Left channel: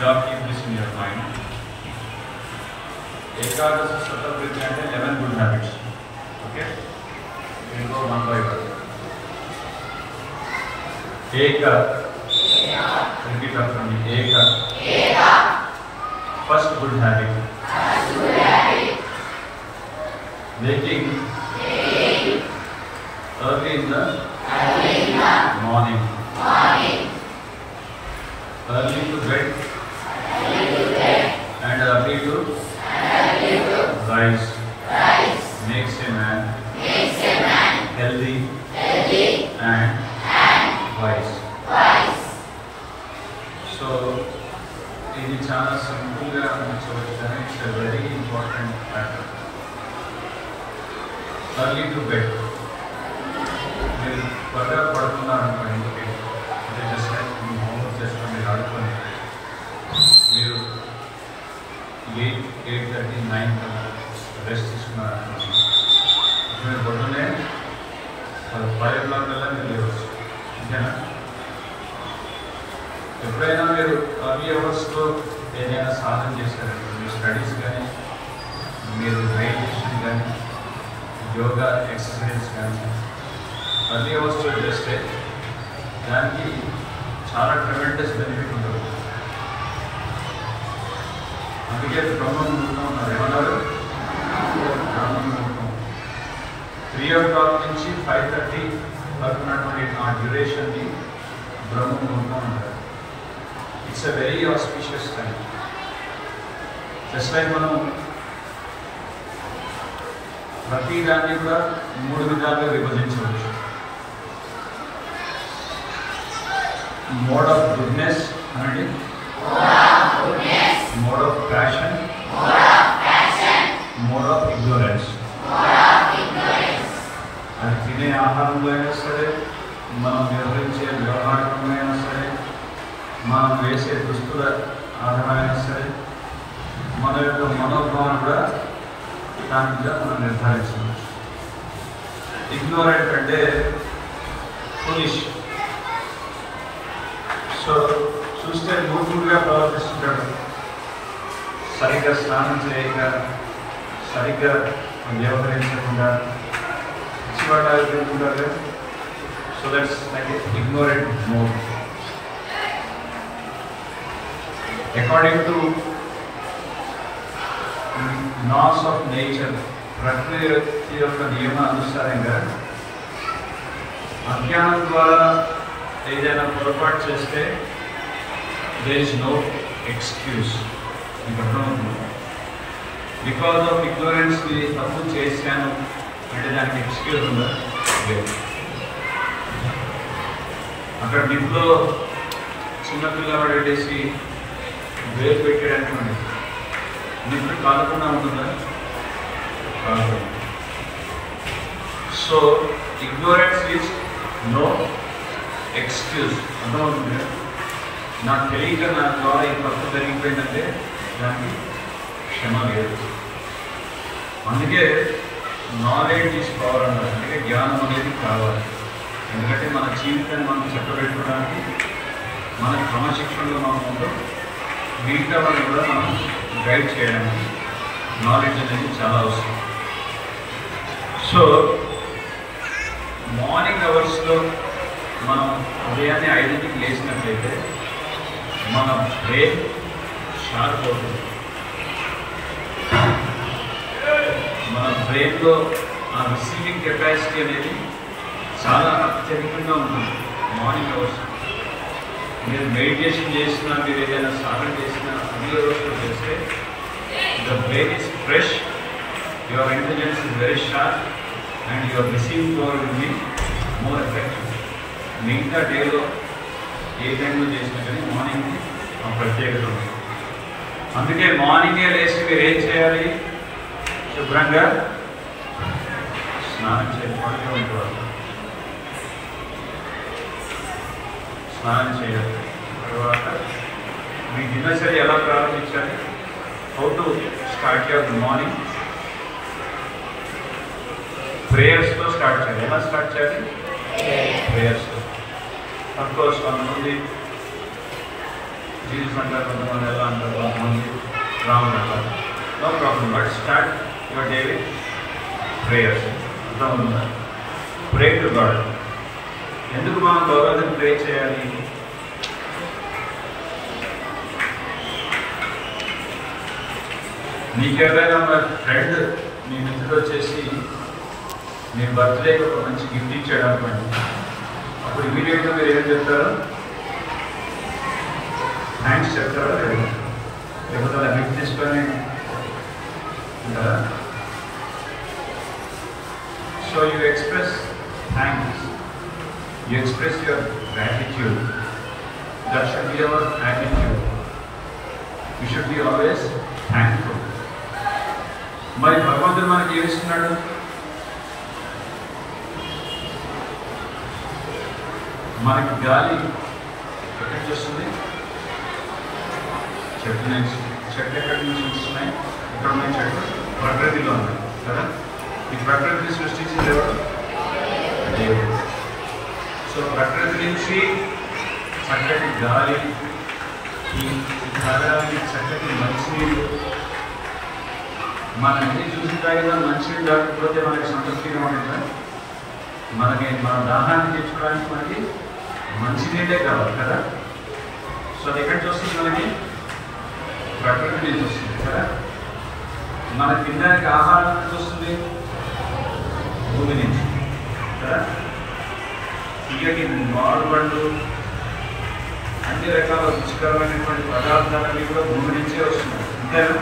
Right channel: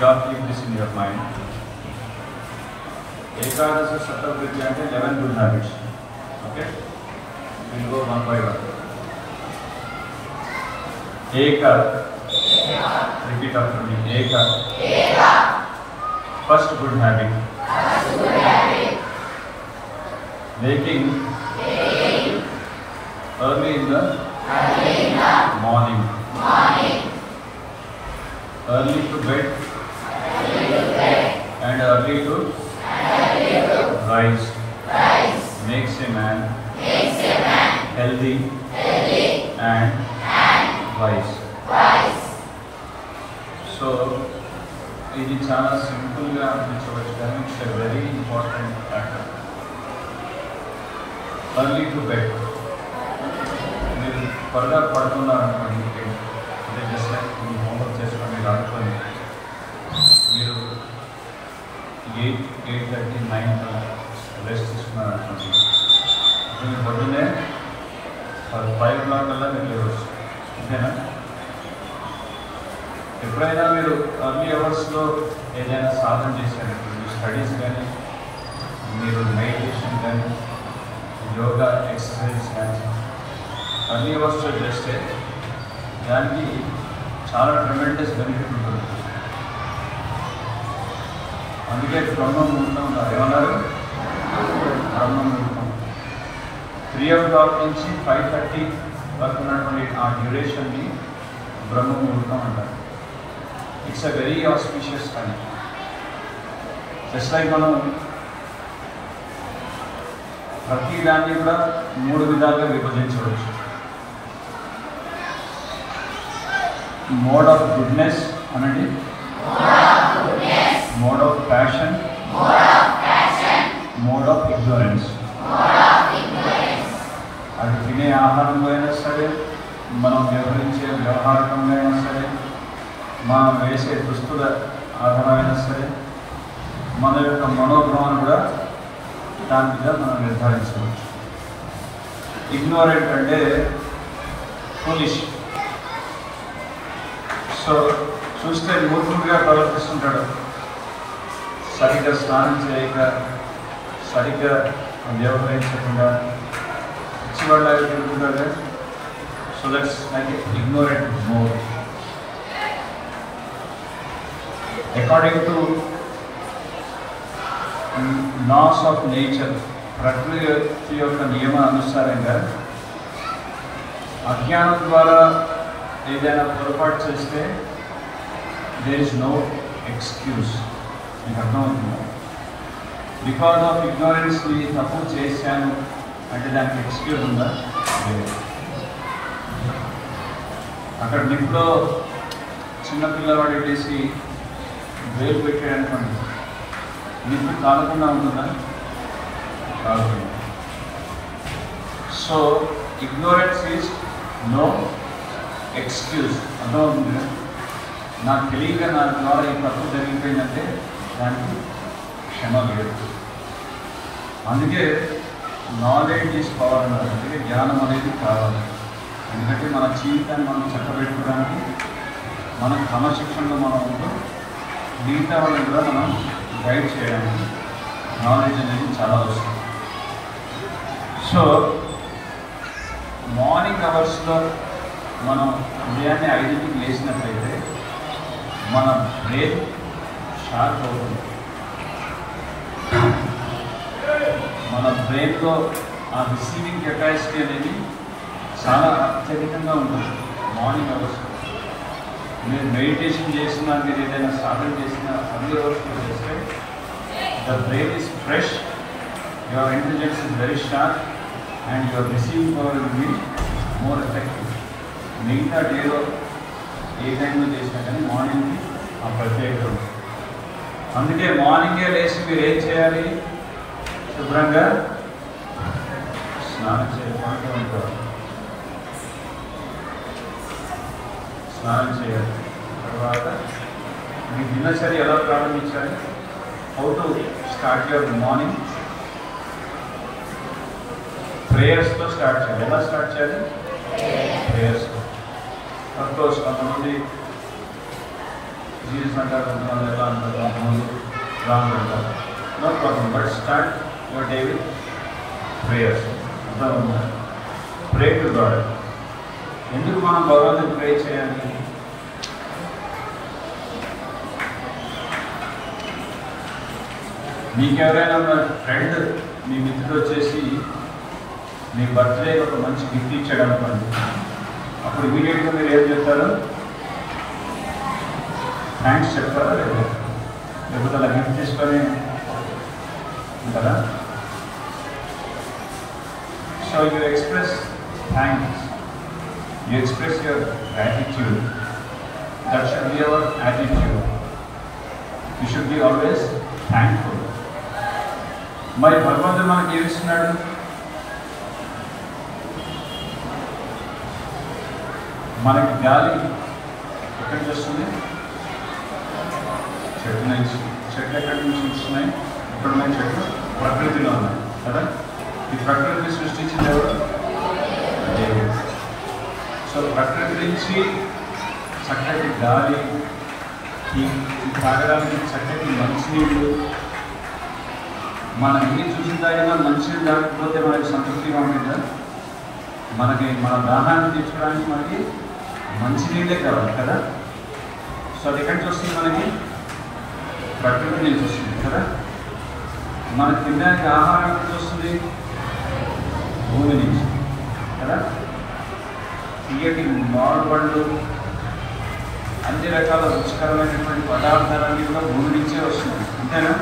God keep this in your mind. Ekadasa Sattvakriti ante 11 good habits. Okay? We will go one by one. Eka. Repeat after me. Eka. First good habit. Waking early in the morning. Early to bed and early to rise makes a man healthy and wise. So, ఇది చాలా సింపుల్గా అనిపించవచ్చు కానీ it's a very important factor. Early to bed. మీరు త్వరగా పడుతున్నారనుకోండి, ఇంటికి అంటే just like మీ homework చేసుకొని మీరు ఆడుకొని మీరు 8:30, 9 రెస్ట్ తీసుకున్నారనుకోండి, మీరు పొద్దున్నే 5 o'clock వల్ల మీరు లేవచ్చు. అంతేనా? ఎప్పుడైనా మీరు అర్లీ అవర్స్లో ఏదైనా సాధన చేశారు, మీ స్టడీస్ కానీ, మీరు మెడిటేషన్ కానీ, యోగా ఎక్సర్సైజ్ కానీ అర్లీ అవర్స్లో చేస్తే దానికి చాలా ట్రెమెండస్ బెనిఫిట్ ఉంటుంది. అందుకే బ్రహ్మం ముహూర్తం ఉన్నారు. ఏమన్నారు? బ్రహ్మం ముహూర్తం 3 o'clock నుంచి 5:30 వరకు ఉన్నటువంటి ఆ డ్యూరేషన్ని బ్రహ్మ ముహూర్తం అంటారు. It's a very auspicious time. Just like మనం ప్రతి దాన్ని కూడా 3 విధాలుగా విభజించవచ్చు. మోడ్ ఆఫ్ గుడ్నెస్ అనండి, mode of passion, mode of ignorance. అది తినే ఆహారంలో అయినా సరే, మనం వ్యవహరించే వ్యవహారంలో అయినా సరే, మనం వేసే దుస్తుల ఆధారమైనా సరే, మన యొక్క మనోభావం కూడా దాని మీద మనం నిర్ధారించవచ్చు. ఇగ్నోరెంట్ అంటే ఫూలిష్. సో చూస్తే మూర్ఖుడిగా ప్రవర్తిస్తుంటాడు, సరిగ్గా స్నానం చేయక, సరిగ్గా వ్యవహరించకుండా, ఇచ్చిపడ్డారు తిరుగుతుంటారు. So that's like ignorant mode. According to laws of nature, ప్రకృతి యొక్క నియమానుసారంగా అజ్ఞానం ద్వారా ఏదైనా పొరపాటు చేస్తే దేర్ ఇస్ నో ఎక్స్క్యూజ్. మీకు అర్థమవుతుంది? బికాజ్ ఆఫ్ ఇగ్నోరెన్స్ నేను తప్పు చేశాను అంటే దానికి ఎక్స్క్యూజ్ ఉందా? లేదు. అక్కడ నిప్పులో చిన్నపిల్లవాడు వెళ్ళేసి వేలు పెట్టాడు అనుకోండి, నిప్పు కాలకుండా ఉంటుందా? కాలకుండా. So ignorance is no excuse. అర్థమవుతుంది కదా? నాకు తెలియక నా ద్వారా ఈ తప్పు జరిగిపోయిందంటే దానికి క్షమ లేదు. అందుకే నాలెడ్జ్ ఈజ్ పవర్ అన్నారు. అందుకే జ్ఞానం అనేది కావాలి. ఎందుకంటే మన జీవితాన్ని మనం చక్కబెట్టుకోవడానికి, మన క్రమశిక్షణలో మనం ఉందో మిగతా వాళ్ళని కూడా మనం గైడ్ చేయడానికి నాలెడ్జ్ అనేది చాలా అవసరం. సో మార్నింగ్ అవర్స్లో మనం ఉదయాన్నే 5కి లేచినట్లయితే మన బ్రెయిన్ షార్ప్ అవుతుంది. మన బ్రెయిన్లో ఆ రిసీవింగ్ కెపాసిటీ అనేది చాలా అత్యధికంగా ఉంటుంది మార్నింగ్ అవర్స్. మీరు మెడిటేషన్ చేసినా, మీరు ఏదైనా సాధన చేసినా అన్ని రోజులు చేస్తే the brain is fresh, your intelligence is very sharp and your receiving power will be more effective. మిగతా డేలో ఏ టైంలో చేసినా కానీ మార్నింగ్కి ఆ ప్రత్యేకత ఉంది. అందుకే మార్నింగే లేచి మీరు ఏం చేయాలి? శుభ్రంగా స్నానం చేసుకోవాలి. స్నానం చేయాలి. తర్వాత మీ దినచర్య ఎలా ప్రారంభించాలి? How to start your morning? ప్రేయర్స్తో స్టార్ట్ చేయాలి. ఎలా స్టార్ట్ చేయాలి? ప్రేయర్స్తో. అఫ్కోర్స్ కొంతమంది జీసస్ అంటారు, కొంతమంది ఎలా అంటారు, కొంతమంది ఎలా ఉంటారు. No problem, but start your day with prayers. అర్థమవుతుందా? Pray to God. ఎందుకు మనం భగవంతుని ప్రే చేయాలి? నీకెవరైనా మన ఫ్రెండ్, మీ మిత్రుడు వచ్చేసి మీ బర్త్డేకి ఒక మంచి గిఫ్ట్ ఇచ్చాడు అనుకోండి, అప్పుడు ఇమీడియట్గా మీరు ఏం చెప్తారు? థ్యాంక్స్ చెప్తారా లేదా? లేకపోతే అలా గిఫ్ట్ తీసుకొని కదా. So you express thanks, you express your gratitude. That should be our attitude. You should be always thankful. మరి భగవంతుడు మనకి ఏమిస్తున్నాడు? మనకి గాలి ఎక్కడి నుంచి వస్తుంది? చెట్టు నుంచి. చెట్లు ఎక్కడి నుంచి వస్తున్నాయి? ఇక్కడ ఉన్నాయి చెట్లు, ప్రకృతిలో ఉన్నాయి కదా. ఈ ప్రకృతిని సృష్టించింది ఎవరు? దేవుడు. సో ప్రకృతి నుంచి చక్కటి గాలి, ఈ తాగడానికి చక్కటి మంచినీళ్ళు. మనం ఎన్ని చూసి తాగినా మంచినీళ్ళు తాగకపోతే మనకి సంతృప్తిగా ఉంటుందా? మనకి మన దాహాన్ని తీర్చుకోవడానికి మనకి మంచినీళ్ళే కావాలి కదా. సో అది ఎక్కడి నుంచి వస్తుంది? మనకి ప్రకృతి నుంచి వస్తుంది కదా. మన తినడానికి ఆహారం ఎక్కడి నుంచి వస్తుంది? భూమి నుంచి కదా. తీయటి మామిడి పండ్లు, అన్ని రకాల రుచికరమైనటువంటి పదార్థాలన్నీ కూడా భూమి నుంచే వస్తున్నాయి, అంతేనా?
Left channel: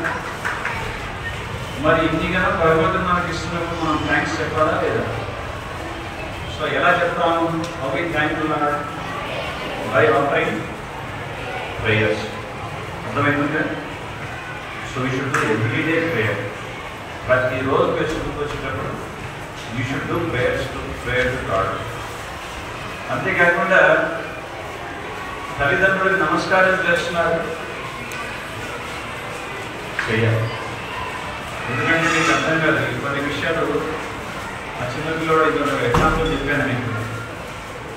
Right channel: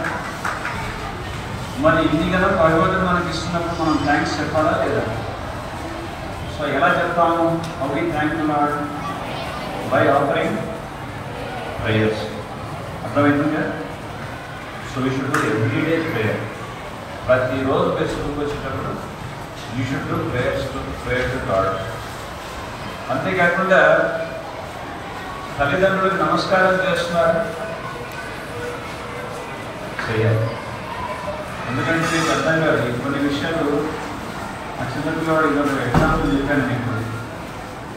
మరి ఇన్ని కదా భగవంతుడు మనకి ఇస్తున్నప్పుడు మనం థ్యాంక్స్ చెప్పాలా లేదా? సో ఎలా చెప్తాము? How we thankful are? By offering prayers. అర్థమవుతుందా? So you should do everyday prayer. ప్రతిరోజు ఫేస్బుక్ వచ్చేటప్పుడు you should do prayer to God. అంతేకాకుండా తల్లిదండ్రులకు నమస్కారం చేస్తున్నారు, చేయాలి. ఎందుకంటే మీకు అర్థం కాదు కొన్ని విషయాలు. ఆ చిన్నపిల్లవాడు ఇదో ఎగ్జాంపుల్ చెప్పాను మీకు.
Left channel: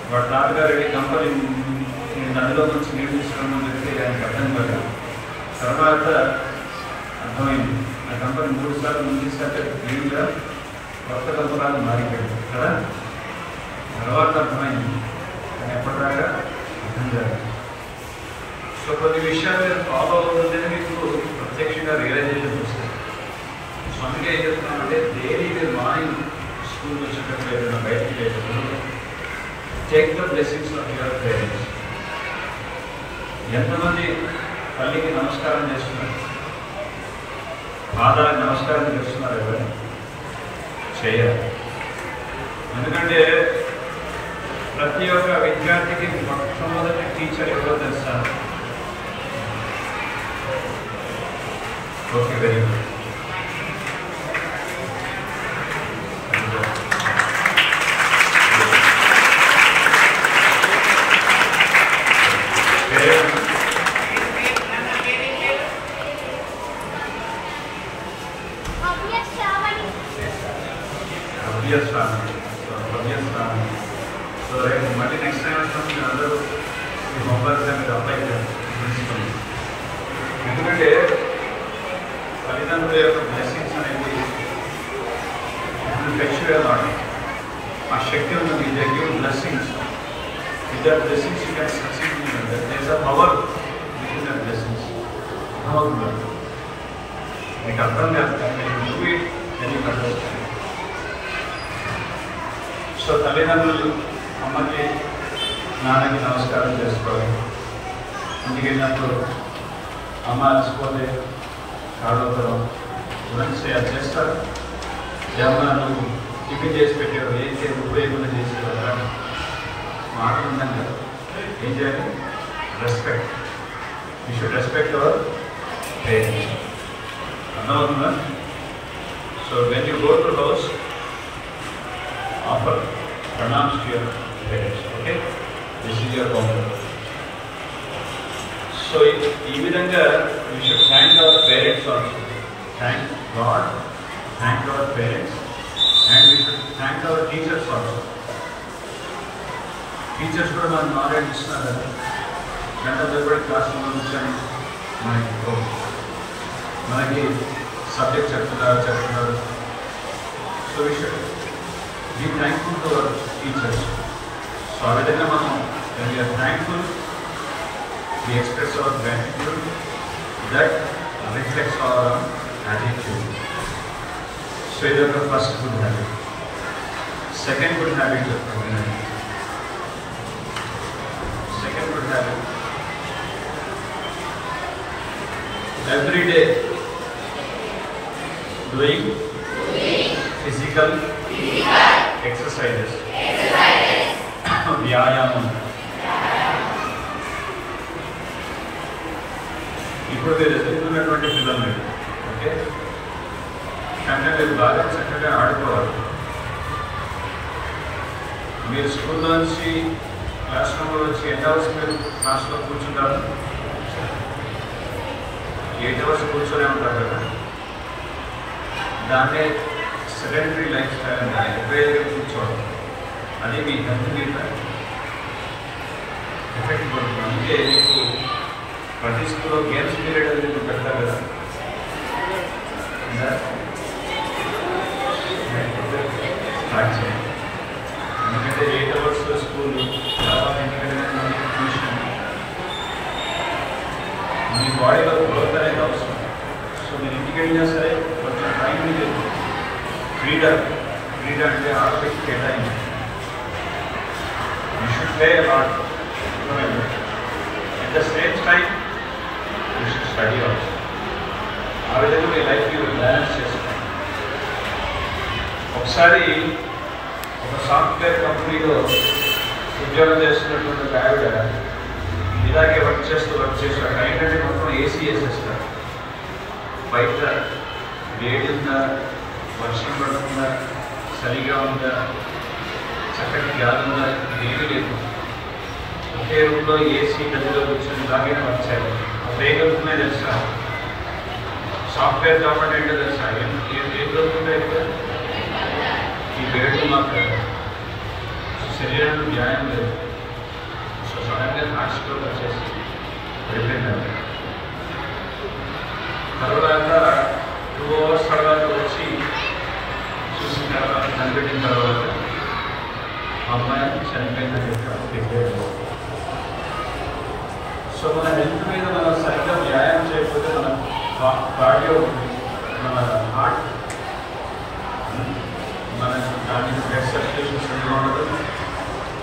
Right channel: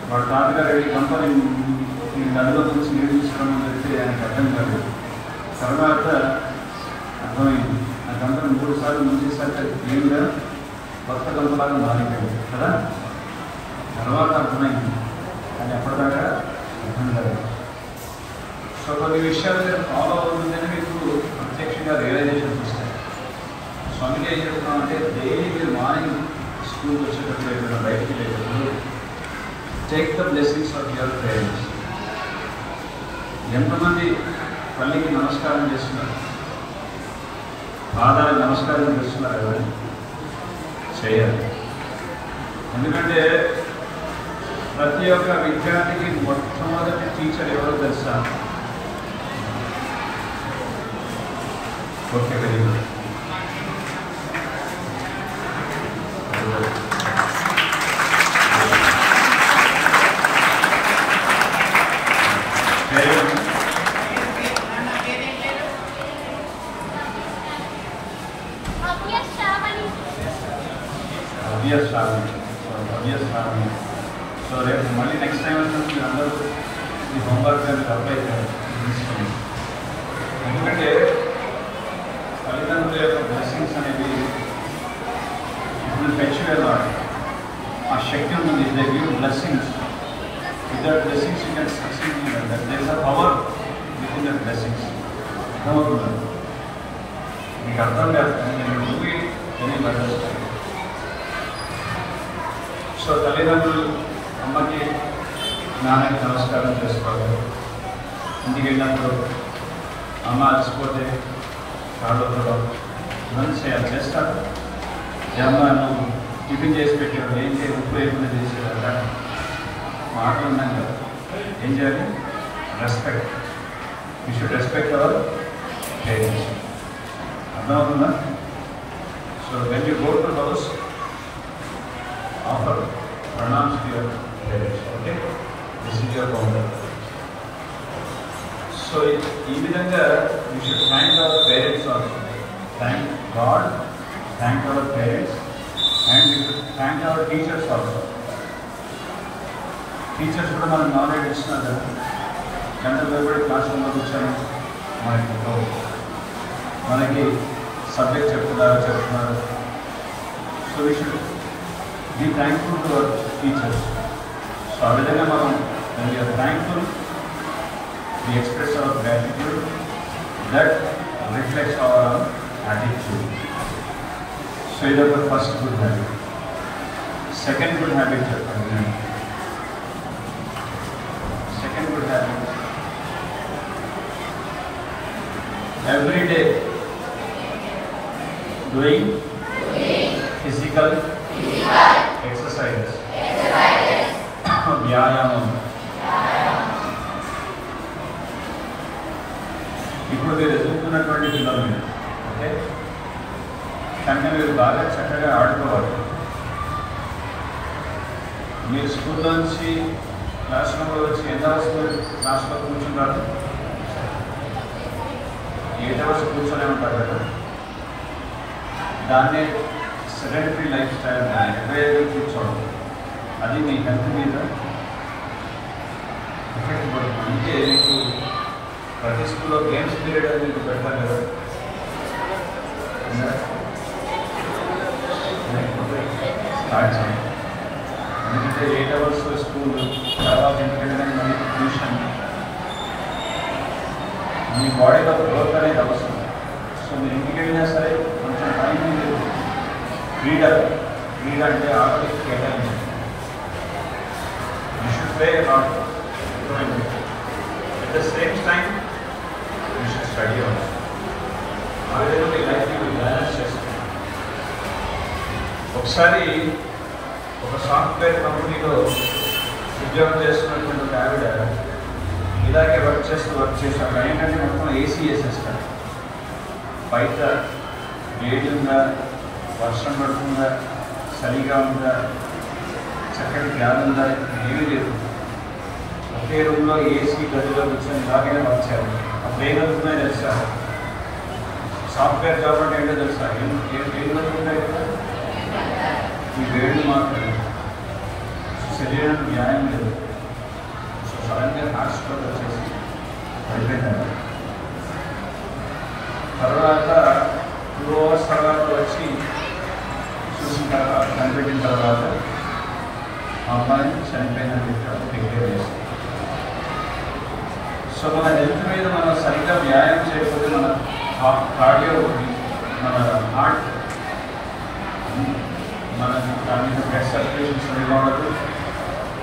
వాడు తాతగారు వెళ్ళి కంపని నదిలో నుంచి నీళ్ళు తీసుకురామని చెప్తే ఆయనకు అర్థం కాలేదు. తర్వాత అర్థమైంది. ఆ కంపని 3 సార్లు ముందేసరికి నీళ్ళుగా కొత్త కంపలాగా మారిపోయింది కదా. తర్వాత అర్థమైంది, కానీ ఎప్పటిదాకా అర్థం కాదు. సో కొన్ని విషయాలు ఫాలో అవుతుందని మీకు ప్రత్యక్షంగా రియలైజేషన్స్ వస్తాయి. సో అందుకే ఏం చెప్తున్నామంటే డైలీ మీరు మార్నింగ్ స్కూల్కి వచ్చేటప్పుడు ఏదైనా బయటికి వెళ్ళేటప్పుడు take the blessings of your parents. ఎంతమంది తల్లికి నమస్కారం చేస్తున్నారు? ఫాదర్కి నమస్కారం చేస్తున్నారు కదా. చేయాలి. ఎందుకంటే ప్రతి ఒక్క విద్యార్థికి మొట్టమొదటి టీచర్ ఎవరో తెలుసా? Okay, very good. సో రేపు మళ్ళీ నెక్స్ట్ టైం వచ్చినప్పుడు మీరు అందరూ ఈ హోంవర్క్ అనేది అప్లై చేయాలి. ఎందుకంటే తల్లిదండ్రుల యొక్క బ్లెస్సింగ్స్ అనేది ఇప్పుడు ఫ్రెష్గా ఆ శక్తి ఉంటుంది. They give blessings. With that blessings you can succeed in your life. There is a power within that blessings. అర్థమవుతున్నారు? మీకు అర్థం కాదు, కానీ do it then you understand. So తల్లిదండ్రులు అమ్మకి నాన్నకి నమస్కారం చేసుకోవడం, ఇంటికి వెళ్ళినప్పుడు అమ్మ అలసిపోతే కాళ్ళు ఉండడం, ఇవన్నీ చేస్తారు. అమ్మ నువ్వు టిఫిన్ చేసి పెట్టావు, ఏం చేయాలి, ఉప్పు వేయకుండా చేసాడు కానీ మాటలు ఉన్నాం కదా. ఏం చేయాలి? Respect. You should respect our parents. అర్థమవుతుందా? So when you go to house, offer pranams to your parents. Okay, this is your homework. So ఈ విధంగా we should thank our parents also. Thank God, thank our parents, and we should thank our teachers also. Teachers కూడా మనకు knowledge ఇస్తున్నారు కదా. గంట తరబడి class రూమ్లో కూర్చొని మనకి సబ్జెక్ట్ చెప్తున్నారు. So we should be thankful to our teachers. So ఆ విధంగా మనం we are thankful, we express our gratitude, that reflects our attitude. So that is the first good habit. Second good habit, every day doing physical exercises. వ్యాయామం. ఇప్పుడు మీరు ఎదుర్కొన్నటువంటి పిల్లలు మీరు okay, కానీ మీరు బాగా చక్కగా ఆడుకోవాలి. మీరు స్కూల్లో నుంచి క్లాస్ రూమ్లో వచ్చి ఎన్ని అవర్స్ మీరు క్లాస్లో కూర్చుంటారు? 8 అవర్స్ కూర్చొనే ఉంటారు కదా. దాన్నే సెడెంటరీ లైఫ్ స్టైల్ అని, ఎక్కువ కూర్చోవడం, అది మీ హెల్త్ మీద ఎఫెక్ట్ పడుతుంది. అందుకే మీకు ప్రతి స్కూల్లో గేమ్స్ పీరియడ్ అని మీకు పెడతారు కదా. స్టార్ట్ చేయండి. ఎందుకంటే 8 అవర్స్ స్కూల్ తర్వాత ఇంటికైనా కానీ మళ్ళీ ట్యూషన్, మీ బాడీలో గ్రోత్ అనేది అవసరం. సో మీరు ఇంటికి వెళ్ళినా సరే కొంచెం టైం మీరు క్రీడ అంటే ఆటలకి కేటాయించండి. You should play at the same time you should study also. ఆ విధంగా మీ లైఫ్ బ్యాలెన్స్ చేసుకోండి. ఒకసారి ఒక సాఫ్ట్వేర్ కంపెనీలో ఉద్యోగం చేస్తున్నటువంటి ఒక ఆవిడ ఇలాగే వర్క్ చేసి అక్కడ ఏంటంటే మొత్తం ఏసీ వేసేస్తారు. బయట వేడి ఉందా, వర్షం పడుతుందా, చలిగా ఉందా, చక్కటి గాలి ఉందా, ఏమీ లేదు. ఒకే రూమ్లో ఏసీ గదిలో కూర్చొని ఇలాగైనా వర్క్ చేయాలి. అప్పుడు ఏం జరుగుతున్నాయో తెలుసా? సాఫ్ట్వేర్ జాబ్ అంటే ఏంటో తెలుసా? ఏం జరుగుతుంటాయి కదా, ఈ వేళ్ళు మాత్రమే, శరీరం వ్యాయామం లేదు. సో సడన్గా హార్ట్ స్ట్రోక్ వచ్చేసి వెళ్ళిపోయినారు. తర్వాత 2 అవర్స్ తర్వాత వచ్చి చూసిన తర్వాత కనిపెట్టిన తర్వాత అమ్మాయి చనిపోయిందని చెప్పారు, డిక్లేర్ చేస్తారు. సో మన హెల్త్ మీద మనం సరిగ్గా వ్యాయామం చేయకపోతే మన కార్డియో, మన హార్ట్, మన దాని మీద బ్లడ్ సర్క్యులేషన్ సరిగ్గా ఉండదు.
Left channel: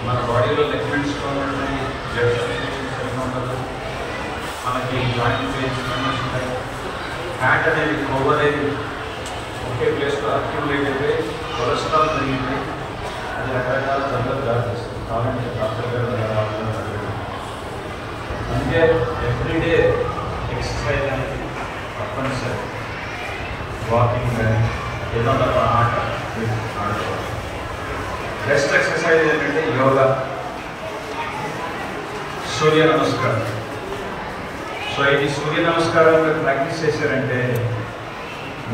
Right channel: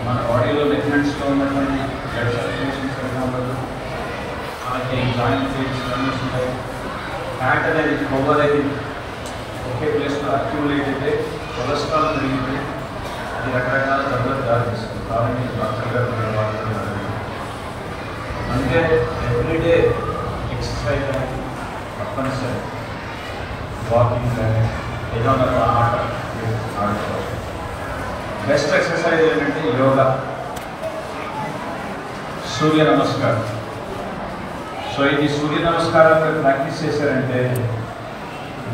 మన బాడీలో లిగ్మెంట్స్లో ఉన్నటువంటి బ్లడ్ సర్క్యులేషన్ సరిగ్గా ఉండదు. మనకి జాయింట్ పెయిన్స్ ఉంటాయి. ఫ్యాట్ అనేది, కొవ్వు అనేది ఒకే ప్లేస్లో అక్యుములేట్ అయితే కొలెస్ట్రాల్ పెరిగితే అది రకరకాల జబ్బులకు దారితీస్తుంది. కాబట్టి డాక్టర్ గారు అందుకే ఎవ్రీడే ఎక్సర్సైజ్ అనేది తప్పనిసరి. వాకింగ్ కానీ ఏదో ఒక ఆట ఆడుకోవాలి. బెస్ట్ ఎక్సర్సైజ్ ఏంటంటే యోగా, సూర్య నమస్కారం. సో ఇది సూర్య నమస్కారాన్ని ప్రాక్టీస్ చేశారంటే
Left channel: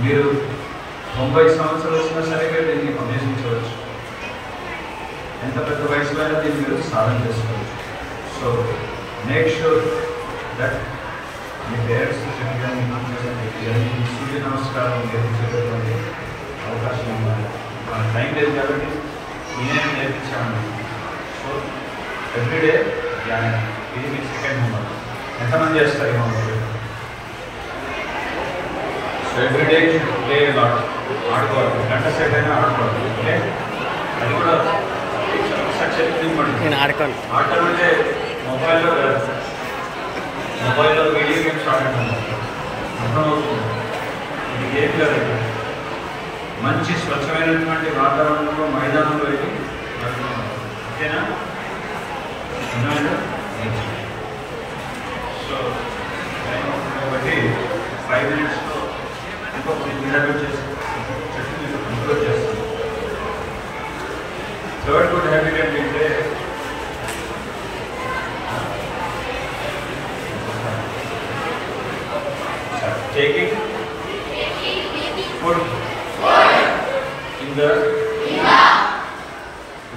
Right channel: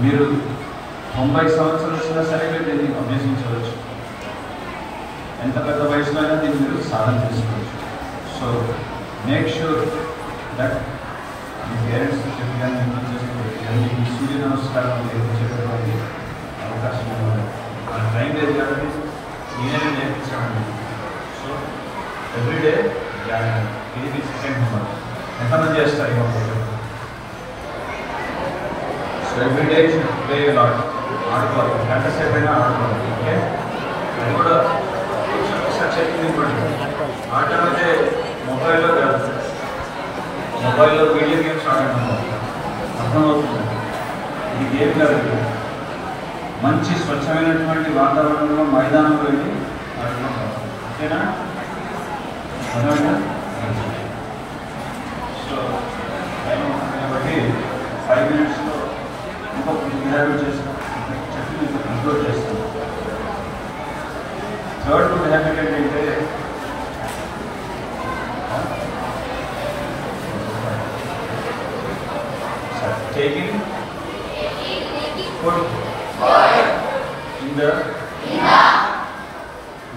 మీరు 90 సంవత్సరాలు వచ్చినా సరే మీరు దీన్ని అభ్యసించవచ్చు. ఎంత పెద్ద వయసులో దీన్ని మీరు సాధన చేసుకోవచ్చు. So make sure that me parents చెప్పిన మీ సూర్య నమస్కారం నేర్పించేటటువంటి అవకాశం ఉంది. టైం లేదు కాబట్టి నేనే నేర్పించాను. సో ఎవ్రీడే ఇది మీ సెకండ్ హోంవర్క్. ఎంతమంది చేస్తారు homework? So everyday play lot, ఆడుకోవాలి. గంట సేపు అయినా ఆడుకోవాలి. ఓకే, అది కూడా ఒకసారి చెప్పింది పడుతుంది. ఆడటం అంటే మొబైల్లో వీడియో గేమ్స్ ఆడటం అర్థమవుతుంది. ఇది గేమ్ కాదు. మంచి స్వచ్ఛమైనటువంటి వాతావరణంలో మైదానంలో వెళ్ళి ఆడుతున్నాం. ఓకేనా? అర్థమైనా? సో టైం ఉంది కాబట్టి 5 minutesలో ఇంకొక హ్యాబిట్ చేసి చెప్పి మీకు కంట్రోల్ చేస్తాను. థర్డ్ గుడ్ హ్యాబిట్ ఏంటంటే taking food in the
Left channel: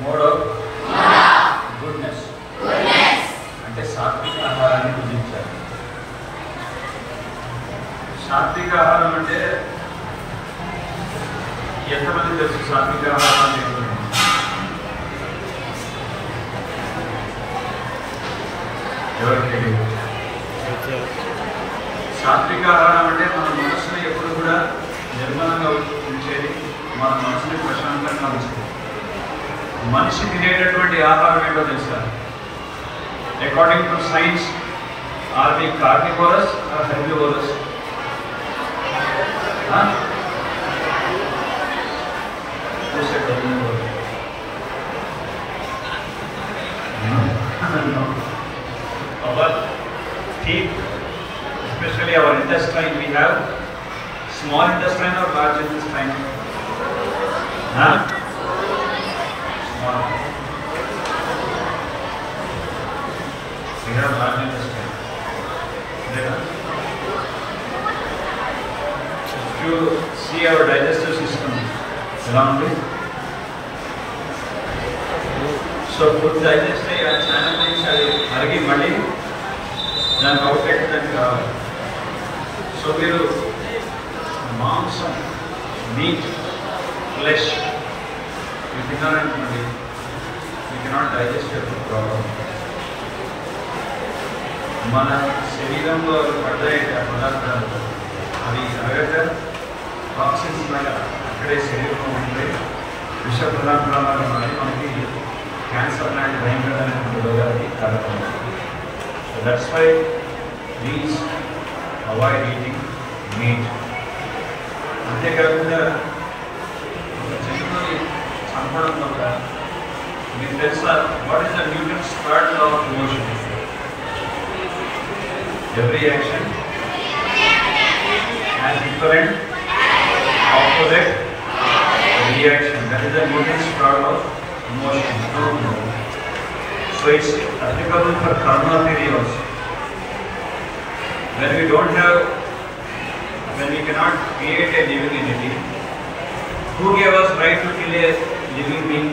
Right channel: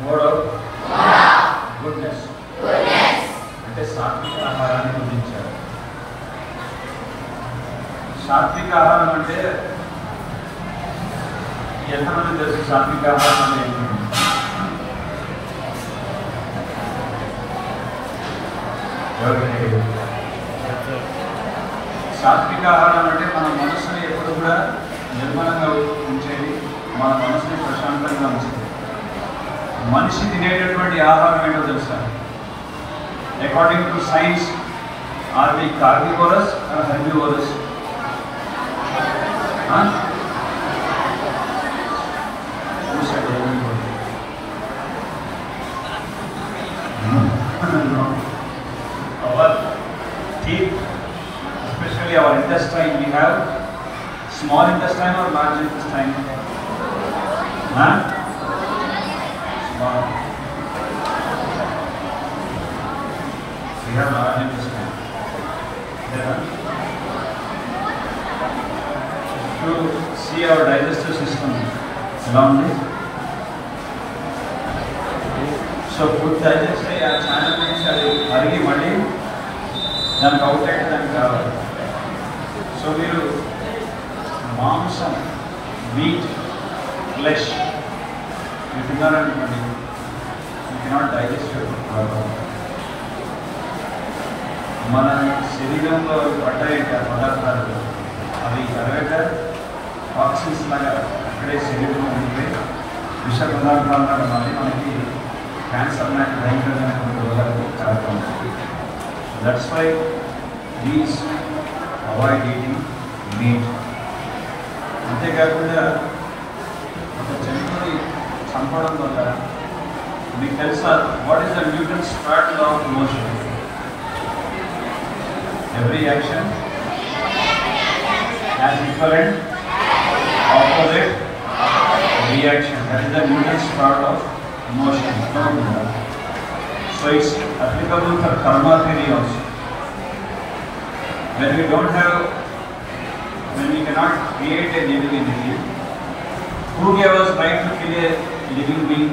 mode of goodness. అంటే సాత్విక ఆహారాన్ని సాత్విక ఆహారం అంటే ఎంతమంది తెలుసు? సాత్విక ఆహారం ఏంటి? ఎవరికి తెలియదు. సాత్విక ఆహారం అంటే మన మనసుని ఎప్పుడు కూడా నిర్మలంగా ఉంచేది, మన మనసుని ప్రశాంతంగా ఉంచుతుంది. మనిషి తినేటటువంటి ఆహారం ఏంటో తెలుసా? According to science, are we carnivorous or herbivorous? Our teeth, especially our intestine, we have small intestine or large intestine? Small. We have large intestine. If you see our digestive system around it, so food digest అయ్యి ఆ channel నుంచి అది అరిగి మళ్ళీ దానికి outlet దానికి రావాలి. So మీరు మాంసం, మీట్, ఫ్లెష్ ఇవి తినాలనుకోండి, you cannot digest your food problem. మన శరీరంలో పడ్డాయి పదార్థాలు అవి అరగక ఆక్సిజన్స్ లాగా అక్కడే శరీరంలో ఉంటే విష పదార్థాలు మారి మనకి క్యాన్సర్ లాంటి భయంకరమైనటువంటి రోగాలకి కారణమవుతుంది. So that's why please avoid eating meat. అంతేకాకుండా ఒక జంతువుని చంపడం వల్ల మీకు తెలుసా what is the Newton's third law of motion? Every action has equivalent opposite reaction. That is the Newton's law of motion. So it's applicable for karma theory also. When we cannot create a living entity, who gave us right to kill a living being?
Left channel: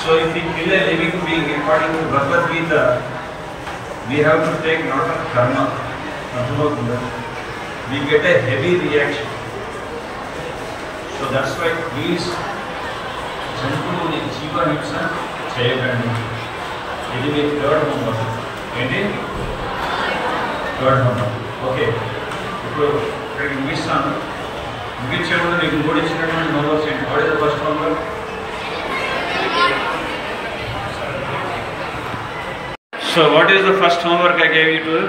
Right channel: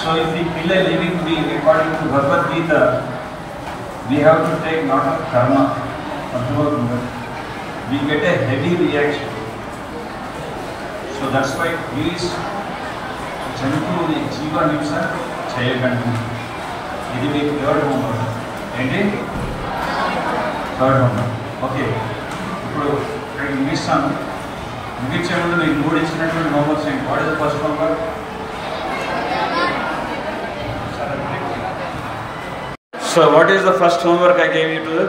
So if we kill a living being according to Bhagavad Gita, we have to take lot of karma. We get a heavy reaction. So that's why please జంతువుని జీవహింస చేయకండి. ఇది మీ third homework. ఏంటి? Third homework. Okay, ఇప్పుడు ఇక్కడికి ముగిస్తాను. ముగించే ముందు మీకు 3 ఇచ్చినటువంటి హోంవర్క్స్ ఏంటి? What is the first homework? So what is the first homework I gave you to do?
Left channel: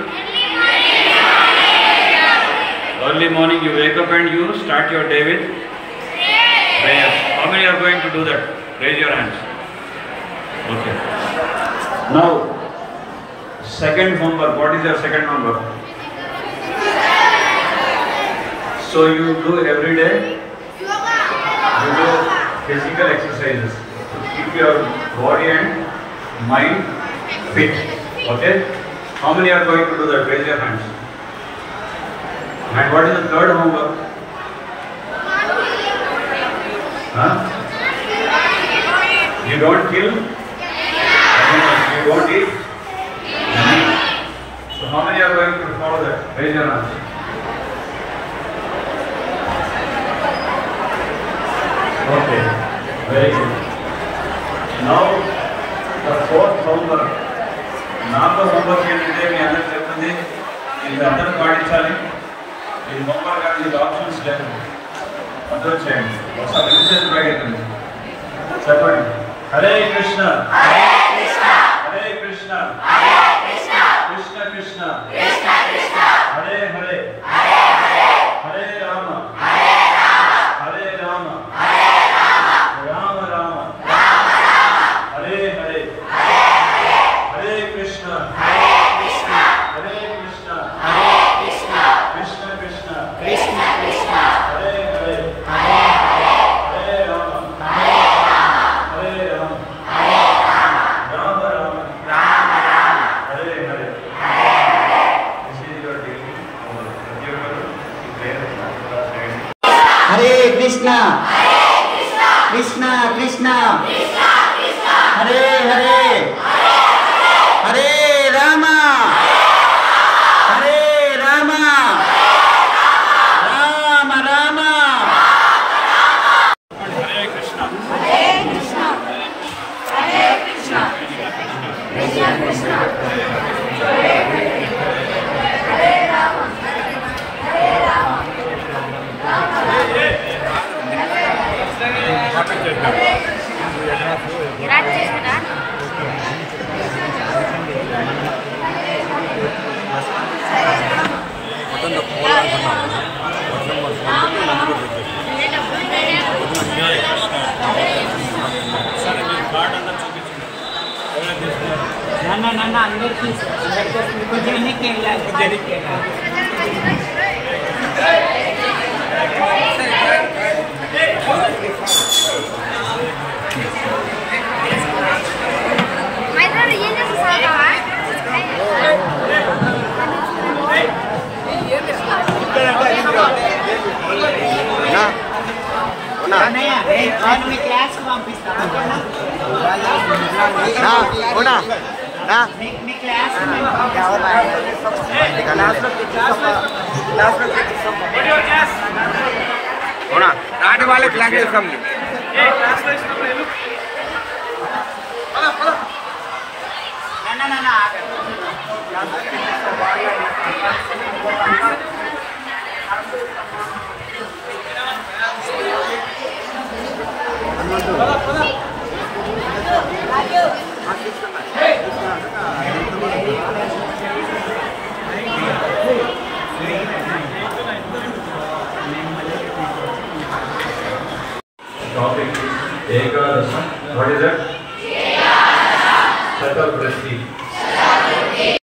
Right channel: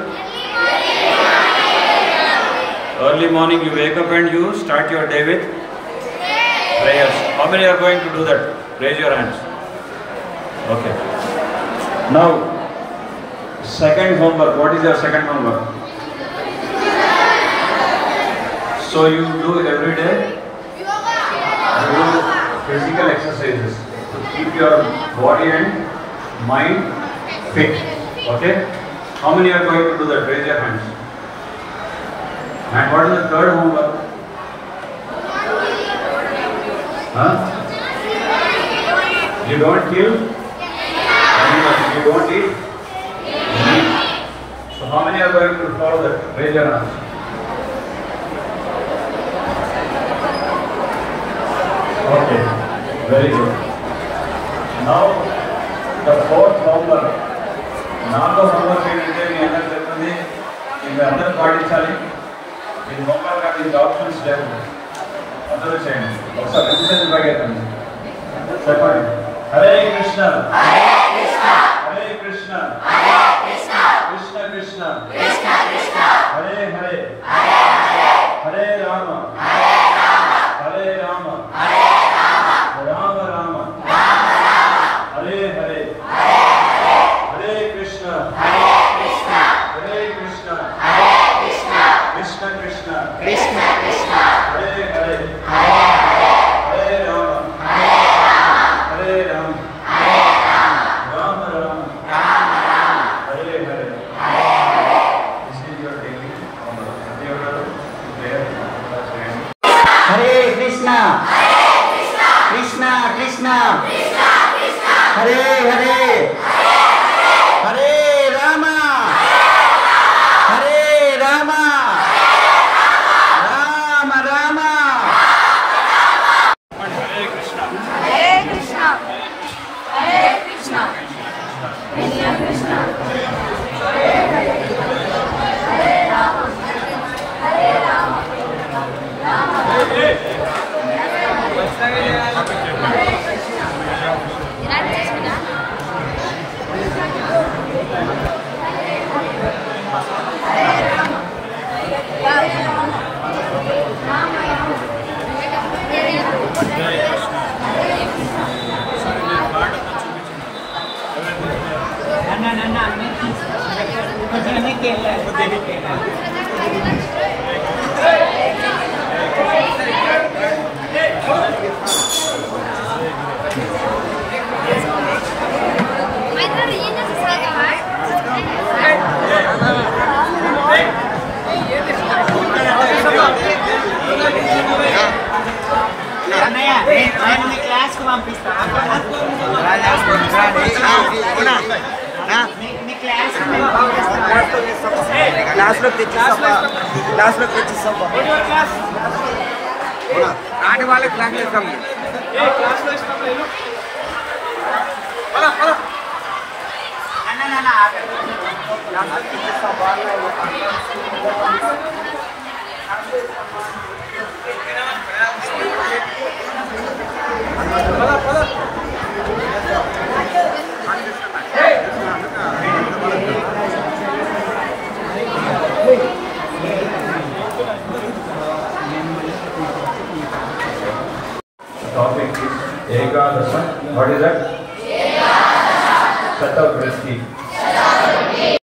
Early morning you wake up and you start your day with prayers. How many are going to do that? Raise your hands. Okay. Now, second homework. What is your second homework? So you do every day, you do physical exercises to keep your body and mind fit. Okay? How many are going to do that? Raise your hands. And what is the third homework? Huh? You don't kill animals. You don't eat meat. So how many are going to follow that? Raise your hands. Okay. Very good. Now the fourth homework. నాలుగో homework ఏంటంటే మీ అందరూ చెప్తుంది ఇది అందరూ పాటించాలి. ఈ homework కానీ మీకు ఆప్షన్స్ లేవు, అందరూ చేయండి. ఒకసారి మెసేజ్ ప్రకటించండి, చెప్పండి. Hare Krishna Hare Krishna Hare Krishna Hare Krishna Krishna Krishna Krishna Krishna Hare Hare Hare Hare Hare Rama Hare Rama Hare Rama Hare Rama Rama Rama Rama Rama Hare Hare Hare Hare Krishna Hare Krishna Hare Krishna Hare Krishna Krishna Krishna Krishna Krishna Hare Hare Hare Hare Hare Rama Hare Rama Hare Rama Hare Rama Rama Rama Rama Rama Hare Hare Hare Hare. This is your daily homework. ప్రతి ఒక్కరు ఈ ప్రేయర్ కూడా చేయండి. హరే కృష్ణ కృష్ణ కృష్ణ హరే హరే హరే రామ హరే రామ సరే మీరు కార్డ్ అంతా చూపించండి. ఎవరైనా తీసుకున్నారు? నన్ను అందరికి తీసుకున్నారు. కొంచెం వెనక్కి వెళ్ళాలి. కొంచెం వెనక్కి వెళ్ళాలి. నేను మీ క్లాస్కి పంపిస్తాను. మీ క్లాస్లో తెచ్చిస్తాను. Pula.